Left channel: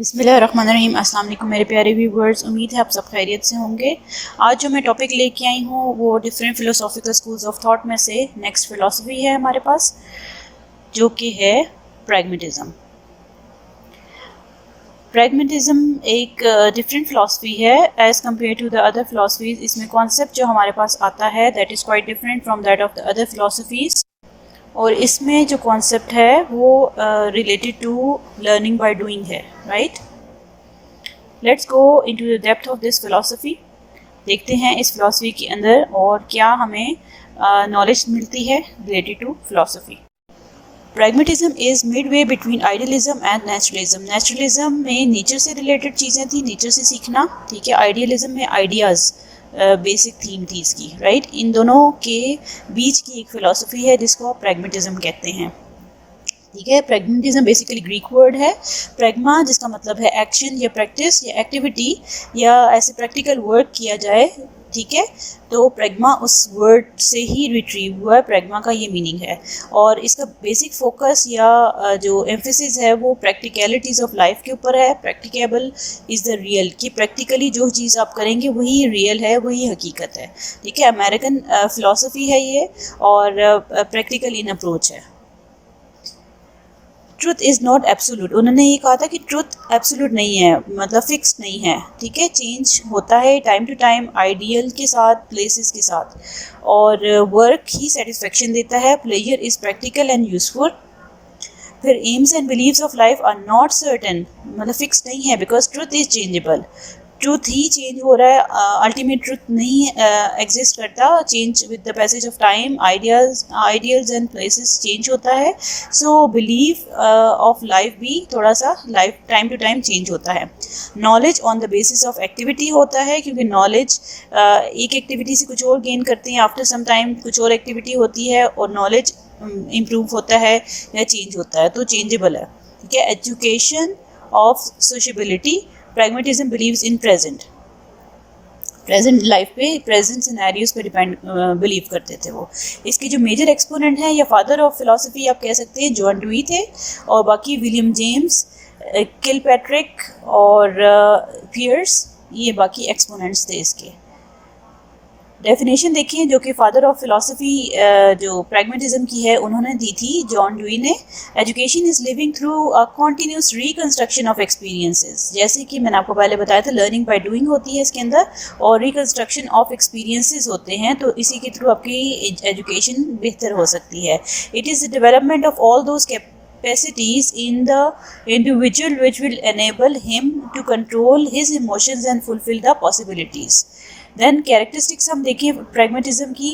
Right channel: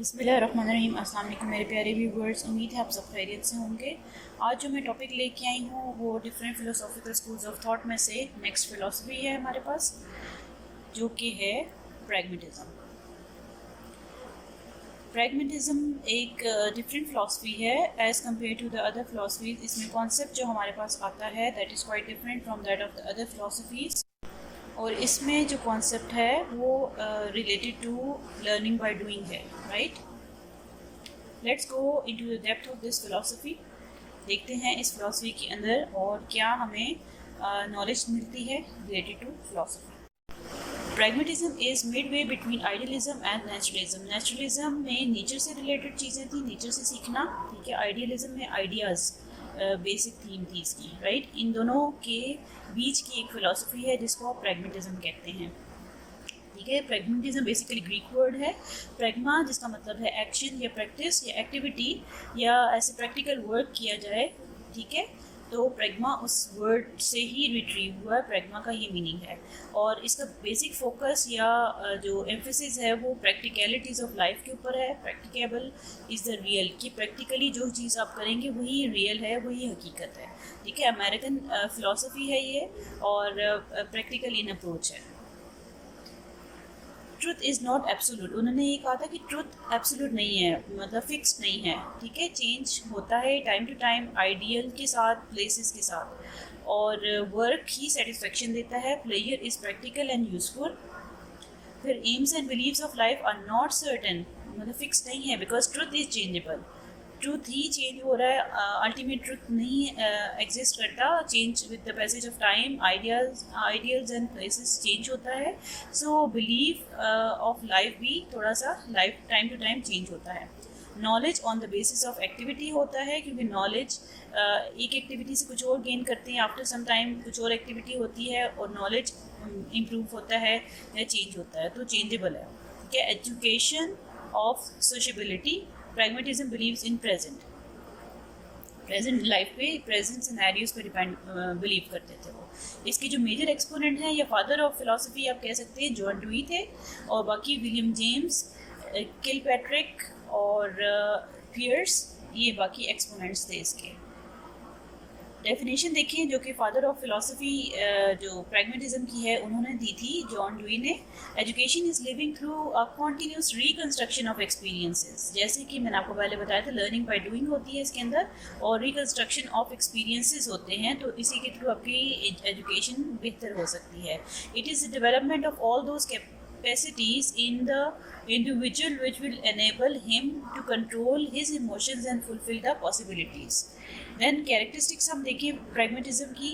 बिस्मिल्लाहिर्रहमानिर्रहीम। अस्सलाम वालेकुम मेरे प्यारे व्यूवर्स, उम्मीद है आप सब खैरियत से होंगे। आज जो मैं टॉपिक लेके आई हूँ वो डिफरेंट फ़िलोसॉफ़िकल स्कूल्स ऑफ थॉट में से नेक्स्ट फ़िलासफ़ी है हमारे पास, जो कि है प्रैग्मेटिज़म। प्रैग्मेटिज़म एक डिफरेंट फ़िलासफ़ी है as compare to the other philosophies. इसमें कॉन्सेप्ट जो हमारे पास आता है that is quite different from that of the other philosophies. और इसमें जो कॉन्सेप्ट है वो related to learning by doing है, right. Let's go into the depth of this philosophy. देखते हैं इस फिलॉसफी के अंदर और क्या हमें नॉलेज मिलती है related to philosophy. Pragmatism is midway between idealism and naturalism. Naturalism में नेचर से रिलेटेड चीज़ें थी, नेचर से सीखना, ठीक है। आइडियलिज्म में आइडियाज़ बेसिक थीम थी इसकी, राइट। इन दोनों के बीच की एक फ़िलासफ़ी है जिसको आप प्रैग्मेटिज्म कहते हैं, ठीक है। प्रैग्मेटिज्म बेसिकली ग्रीक वर्ड है। प्रैग्मा जिसका मतलब है एक्शन या प्रैक्टिस या एक्टिविटी या ऐसे प्रैक्टिकल वर्क किया जाए, ठीक है। तो प्रैग्मा उस वर्ड से ही रिट्रीव हुआ है, प्रैग्मा का ये मीनिंग है। और इसका बेसिक फोकस या जो एम्फेसिस है वो प्रैक्टिकलिटीज़ ऑफ लाइफ के ऊपर है। प्रैक्टिकेबल इज़ द रियल, कि प्रैक्टिकली जो चीज़ आप करेंगे वही रियल है, वही हकीकत है, ठीक है। अमेरिकन फ़िलासफ़ी है ये और प्रैक्टिकल इन अप्रोच है। Truth is not absolute. उन्होंने ये कहा था कि ट्रुथ एब्सोल्यूट नहीं है, मतलब फिक्स नहीं है, ठीक है। चेंज होता है टाइम टू टाइम, आइडियल के साथ, प्लेसेस के साथ। और वर्क ही सेटिस्फेक्शन देता है। Pleasure is practical and useful. फिर aims and believes of life are not certain, मतलब फिक्स नहीं है, because truth is changeable. Truth ही चेंज हो रहा है, अल्टीमेट ट्रूथ नहीं एग्जिस्ट करता। Change with the passage of time, ideals and places change होता है। सो बिलीव ऑफ लाइफ भी थोड़ा सा life time to time change होता है। Knowledge on the basis of activity होता है, क्योंकि नॉलेज एक एक्टिविटी से कुछ और गेन करते हैं, आफ्टर सम टाइम कुछ और एक्टिविटी होती है और नॉलेज इम्प्रूव होता है या चेंज होता है, तो चेंजेबल है, ठीक है। Education of sociability. Pragmatism believes in present life पे, प्रेजेंट सिनेरियोज पे डिपेंड बिलीव करते थे वो। इसके जो मेजर एक्सपोनेंट हैं या फादर ऑफ फिलॉसफी आप कह सकते हैं, जॉन ड्यूई थे। और बाकी विलियम जेम्स, किलपैट्रिक और पियर्स, ये बाकी एक्सपोनेंट्स थे इसके। डेफिनेशन देखिए जो कि फादर ऑफ फिलॉसफी जो प्रैग्मेटिज्म की है उन्होंने दी थी, जॉन ड्यूई ने। Education is living through a continuous reconstruction of experiences. जैसे कि मैंने आपको पहले बताया था, लर्निंग बाय डूइंग होती है इसके अंदर, और रिकंस्ट्रक्शन ऑफ एक्सपीरियंसेस होते हैं, तो इसी के थ्रू आपकी एजुकेशन बेहतर हो सकती है। It is the development of all those capacities in the individual which will enable him to control his emotions and fulfill the possibilities. Then characteristics हम देखें प्रैग्मेटिज्म की।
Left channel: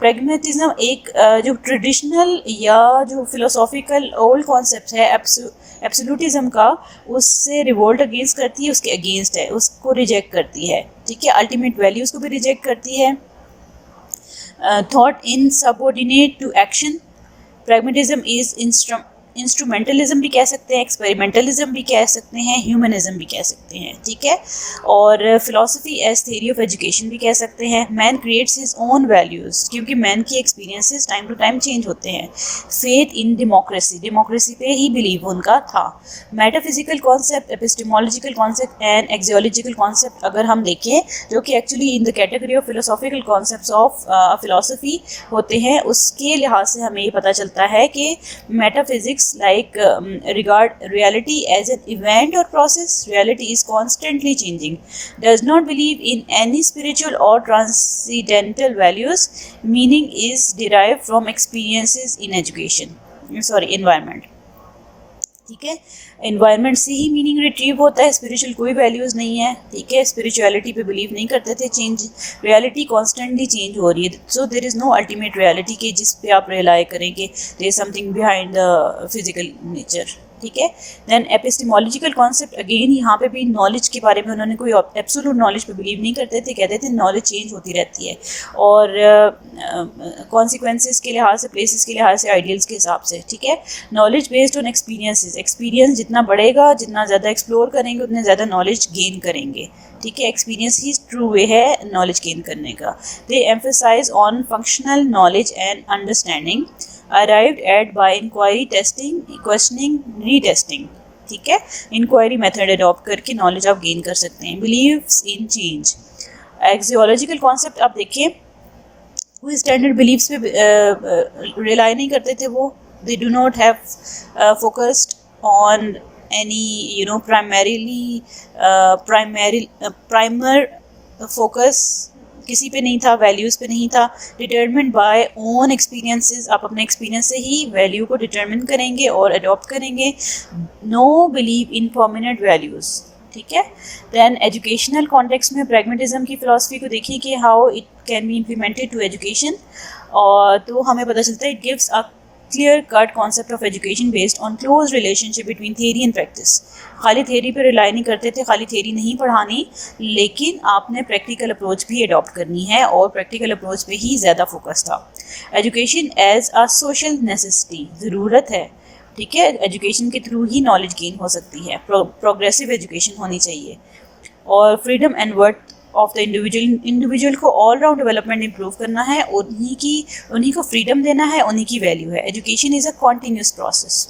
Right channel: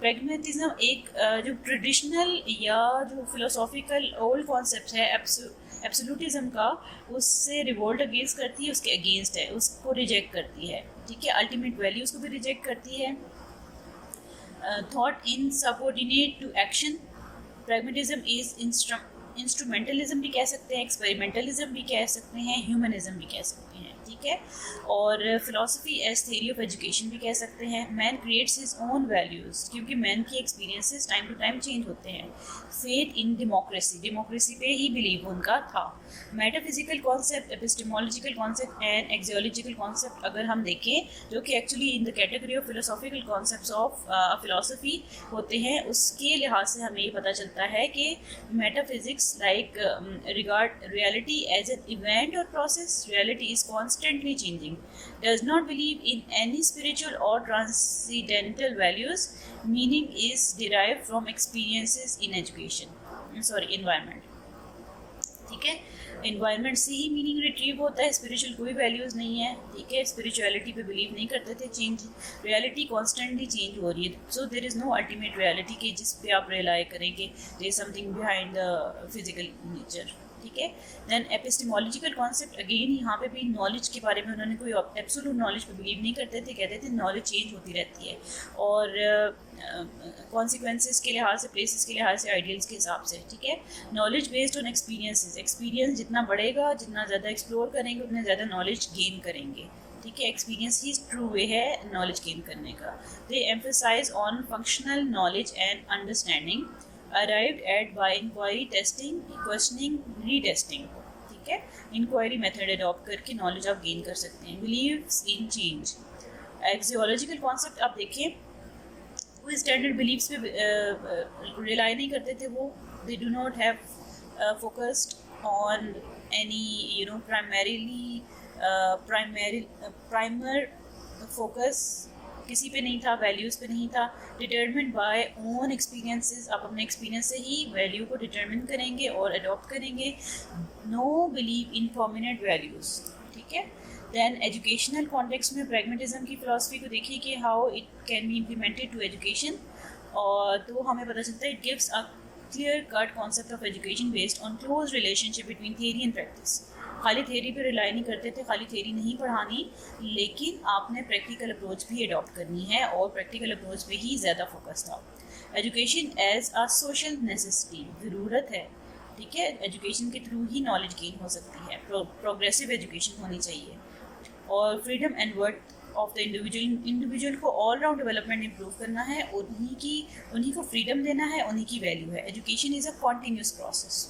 प्रैग्मेटिज्म एक जो ट्रेडिशनल या जो फिलोसॉफिकल ओल्ड कॉन्सेप्ट है absolutism का, उससे रिवोल्ट अगेंस्ट करती है, उसके अगेंस्ट है, उसको रिजेक्ट करती है, ठीक है। अल्टीमेट वैल्यूज़ को भी रिजेक्ट करती है। Thought in subordinate to action. Pragmatism is instrumentalism भी कह सकते हैं, एक्सपेरिमेंटलिज्म भी कह सकते हैं, ह्यूमनिज्म भी कह सकते हैं, ठीक है। और philosophy as theory of education भी कह सकते हैं। Man creates his own values, क्योंकि मैन की experiences time to time change होते हैं। फेथ इन डेमोक्रेसी, डेमोक्रेसी पे ही बिलीव उनका था। Metaphysical concept, epistemological concept and axiological concept अगर हम देखें, जो कि actually in the category of philosophical concepts of philosophy होते हैं, उसके लिहाज से हमें ये पता चलता है कि metaphysics like regard reality as an event or process. Reality is constantly changing, does not believe in any spiritual or transcendental values. Meaning is derived from experiences in environment, ठीक है। इन्वायरमेंट से ही मीनिंग रिट्रीव होता है, spiritual कोई values नहीं है, ठीक है। स्पिरिचुअलिटी पे बिलीव नहीं करते थे। चेंज, रियलिटी कॉन्स्टेंटली चेंज हो रही है, so there is no ultimate reality के जिस पे आप रिलाई करेंगे there is something behind the physical nature, ठीक है। देन एपिस्टेमोलॉजिकल कॉन्सेप्ट, अगेन यहाँ पे भी नॉलेज के बारे में उन्होंने कोई एब्सोल्यूट नॉलेज पे बिलीव नहीं करते थे, कहते थे नॉलेज चेंज होती रहती है, और कॉन्सिक्वेंसेस के लिहाज से, प्लेसेस के लिहाज से, आइडियल्स के हिसाब से, ठीक है। Knowledge based on experiences, experience जितना बढ़ेगा, जितना ज़्यादा एक्सप्लोर करेंगे, उतने ज़्यादा नॉलेज गेन करेंगे, ठीक है। एक्सपीरियंस ही ट्रू वे है नॉलेज गेन करने का। They emphasize on functional knowledge and understanding arrived at by inquiry, testing, questioning, retesting, ठीक है, इंक्वायरी मेथड अडॉप्ट करके नॉलेज आप गेन कर सकते हैं। Believes in change, axiological concept आप देखें, वो स्टैंडर्ड बिलीव्स पे रिलाई नहीं करते थे, वो दे do not have focused on any primer focus किसी पे नहीं था, वैल्यूज़ पे नहीं था। डिटर्मिन्ड बाय ओन एक्सपीरियंसेस, आप अपने एक्सपीरियंस से ही वैल्यू को डिटर्मिन करेंगे और अडॉप्ट करेंगे। No believe in permanent values, ठीक है। दैन एजुकेशनल कॉन्टेक्स्ट में प्रैग्मेटिज्म की फ़िलासफ़ी को देखिए कि how it can be implemented to education, और तो हमें पता चलता है it gives a clear cut concept of education based on close relationship between theory and practice. खाली थियरी पे रिलाई नहीं करते थे, खाली थियरी नहीं पढ़ानी, लेकिन आपने प्रैक्टिकल अप्रोच भी अडॉप्ट करनी है और प्रैक्टिकल अप्रोच पे ही ज़्यादा फोकस था। Education as a social necessity, ज़रूरत है, ठीक है, एजुकेशन के थ्रू ही नॉलेज गेन हो सकती है, प्रोग्रेसिव एजुकेशन होनी चाहिए। और freedom and worth of the individual को ऑल राउंड डेवलपमेंट इंप्रूव करना है, उन्हीं को फ्रीडम देना है, उन्हीं की वैल्यू है। Education is a continuous process.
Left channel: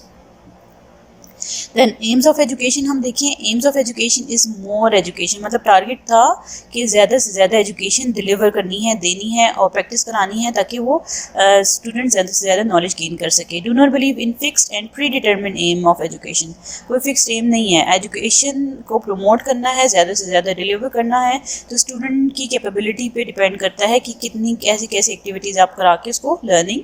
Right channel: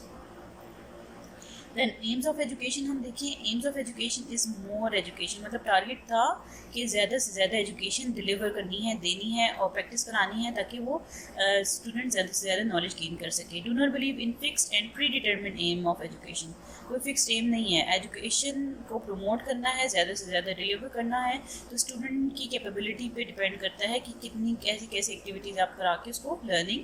Then aims of education हम देखें, aims of education is more education, मतलब टारगेट था कि ज़्यादा से ज़्यादा एजुकेशन डिलीवर करनी है, देनी है और प्रैक्टिस करानी है, ताकि वो स्टूडेंट ज़्यादा से ज़्यादा नॉलेज गेन कर सके। Do not believe in fixed and predetermined aim of education, कोई फिक्स्ड एम नहीं है, एजुकेशन को प्रमोट करना है, ज़्यादा से ज़्यादा डिलीवर करना है, तो स्टूडेंट की कैपेबिलिटी पे डिपेंड करता है कि कितनी कैसी कैसी एक्टिविटीज़ आप करा के उसको लर्निंग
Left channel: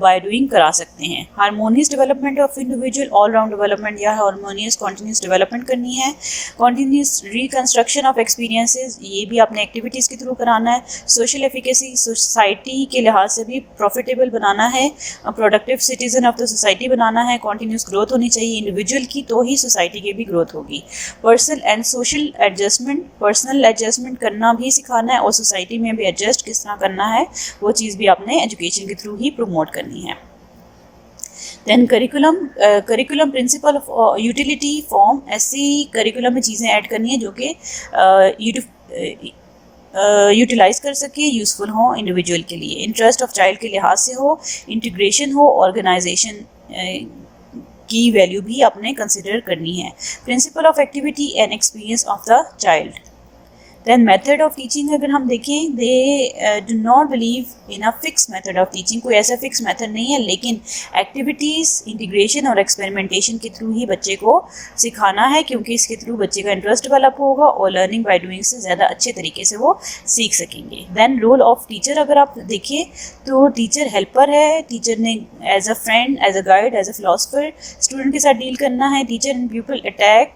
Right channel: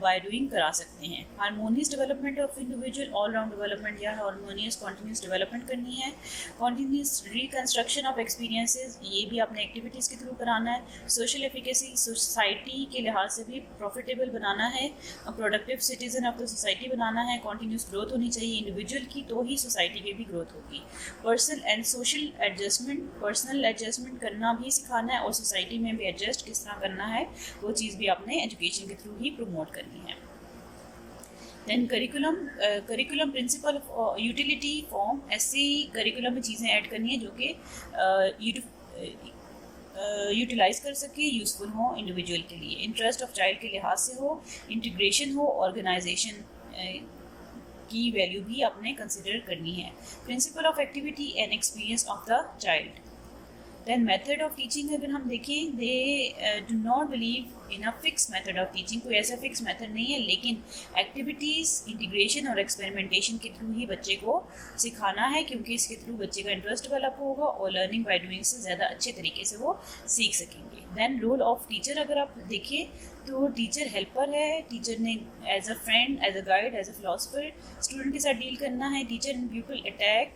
बाय डूइंग करा सकते हैं। Harmonious development of individual, all round development या हारमोनियस कॉन्टीन्यूस डेवलपमेंट करनी है। कॉन्टीन्यूस रिकंस्ट्रक्शन ऑफ एक्सपीरियंसेस, ये भी आपने एक्टिविटीज़ के थ्रू कराना है। सोशल एफिकेसी, सोसाइटी के लिहाज से भी प्रॉफिटेबल बनाना है, productive citizen of the society बनाना है। कॉन्टीन्यूस ग्रोथ होनी चाहिए इंडिविजुअल की, तो ही सोसाइटी की भी ग्रोथ होगी। Personal and social adjustment, personal adjustment करना भी सिखाना है और सोसाइटी में भी एडजस्ट किस तरह करना है, वो चीज़ भी आपने एजुकेशन के थ्रू ही प्रमोट करनी है। Then curriculum principle of utility form, ऐसी करिकुलम में चीज़ें ऐड करनी है जो कि यूटिलाइज़ कर सके, यूज़फुल हो इंडिविजुअल के लिए, इंटरेस्ट ऑफ चाइल्ड के लिहाज से हो, इंटीग्रेशन हो, ऑर्गेनाइजेशन की वैल्यू भी आपने कंसिडर करनी है। Principle of activity and experience of the child. Then method of teaching अगर हम देखें, they do not believe in a fix method of teaching, कोई ऐसा फिक्स मेथड नहीं है, लेकिन एक्टिविटीज़, इंटीग्रेशन और एक्सपेरिमेंटेशन के थ्रू ही बच्चे को सिखाना है, क्योंकि इसके थ्रू बच्चे का इंटरेस्ट डेवलप होगा और लर्निंग बाय डूइंग से ज़्यादा अच्छे तरीके से वो सीख सकेंगे। दैन रोल ऑफ टीचर अगर आप देखें तो टीचर हेल्पर है, टीचर ने as a friend, as a guide, as a philosopher student के साथ डील करना है। Teacher and people attack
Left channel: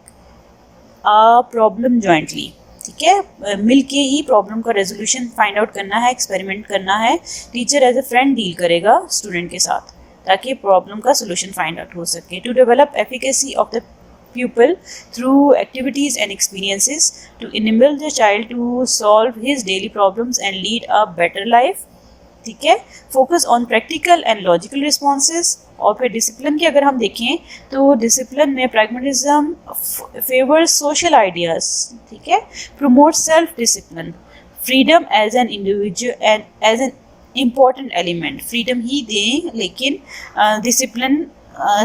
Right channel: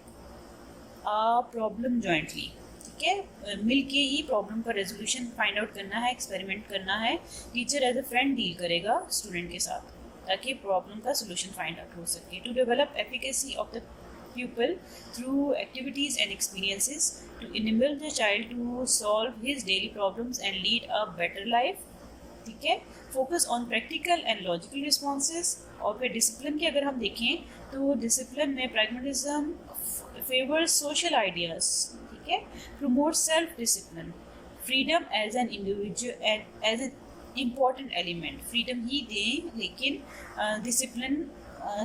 a problem jointly, ठीक है, मिल के ही प्रॉब्लम का रेजोल्यूशन फाइंड आउट करना है, एक्सपेरिमेंट करना है। Teacher as a friend deal करेगा स्टूडेंट के साथ, ताकि प्रॉब्लम का सोल्यूशन फाइंड आउट हो सके। To develop efficacy of the pupil through activities and experiences, to enable the child to solve his daily problems and lead a better life, ठीक है। Focus on practical and logical responses. और फिर discipline की अगर हम देखें तो discipline में प्रैग्मेटिज्म फेवर्स सोशल आइडियाज़, ठीक है, promote self discipline, freedom as an individual and as an important element, freedom ही दें लेकिन डिसिप्लिन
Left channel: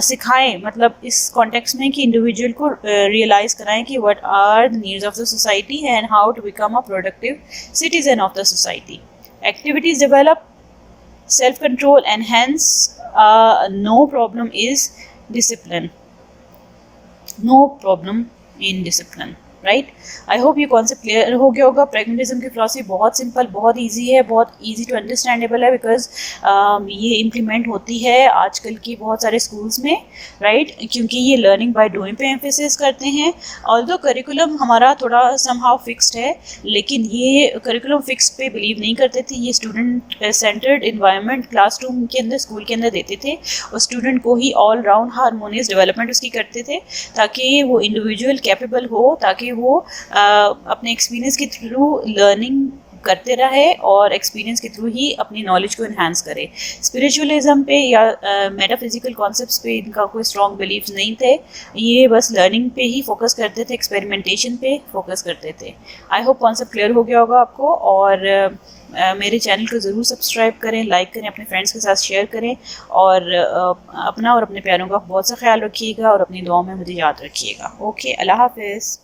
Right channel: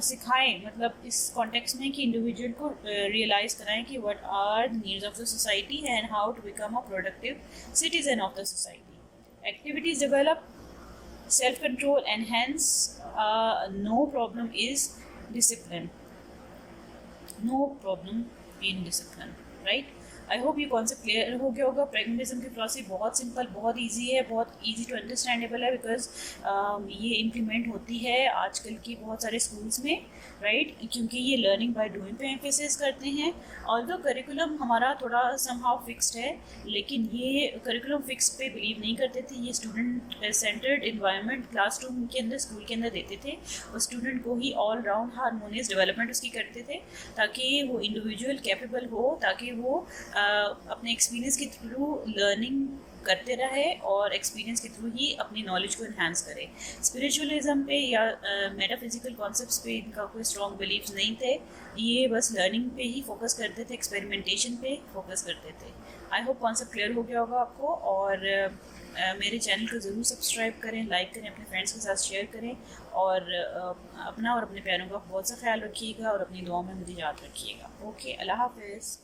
सिखाएं, मतलब इस कॉन्टेक्स्ट में कि इंडिविजुअल को रियलाइज़ कराएं कि what are the needs of the society and how to become a productive citizen of the society. Activities develop self-control and hence no problem is discipline. No problem in discipline. Right, I hope ये concept clear हो गया होगा। Pragmatism की philosophy बहुत simple, बहुत easy है, बहुत easy to understandable है, बिकॉज ये इम्प्लीमेंट होती है आजकल की बहुत सारे स्कूल्स में, राइट, क्योंकि ये लर्निंग बाय डूइंग पे एम्फेसिस करते हैं। ऑल्दो करिकुलम हमारा थोड़ा समहाउ फिक्स्ड है, लेकिन ये करिकुलम फिक्स पे बिलीव नहीं करते थे, ये स्टूडेंट सेंटर्ड इन्वायरमेंट क्लासरूम के अंदर, स्कूल के अंदर देते थे और स्टूडेंट को ही ऑल राउंड हारमोनियस डेवलपमेंट उसकी करते थे, ताकि वो इंडिविजुअल कैपेबल हो, ताकि वो अपने एक्सपीरियंस के थ्रू लर्निंग करते रहे और एक्सपीरियंस के थ्रू ही अपनी नॉलेज को इन्हांस करे। स्पिरिचुअलिज्म पे या मेटाफिजिकल कॉन्सेप्ट्स पे इनका कोई स्ट्रॉन्ग बिलीव्स नहीं थे, ये बस लर्निंग पे ही फोकस करते थे, एक्सपेरिमेंटेशन पे फोकस करते थे। आई होप कॉन्सेप्ट क्लियर हो गया होगा आपको, और मेरे चैनल को ज़रूर सब्सक्राइब करें, लाइक करें, अपने फ्रेंड्स के साथ शेयर करें, और अपना और अपने प्यारों का बहुत सा ख्याल रखिएगा और अपनी दुआओं में मुझे याद रखिएगा। ओके, अल्लाह हाफिज़।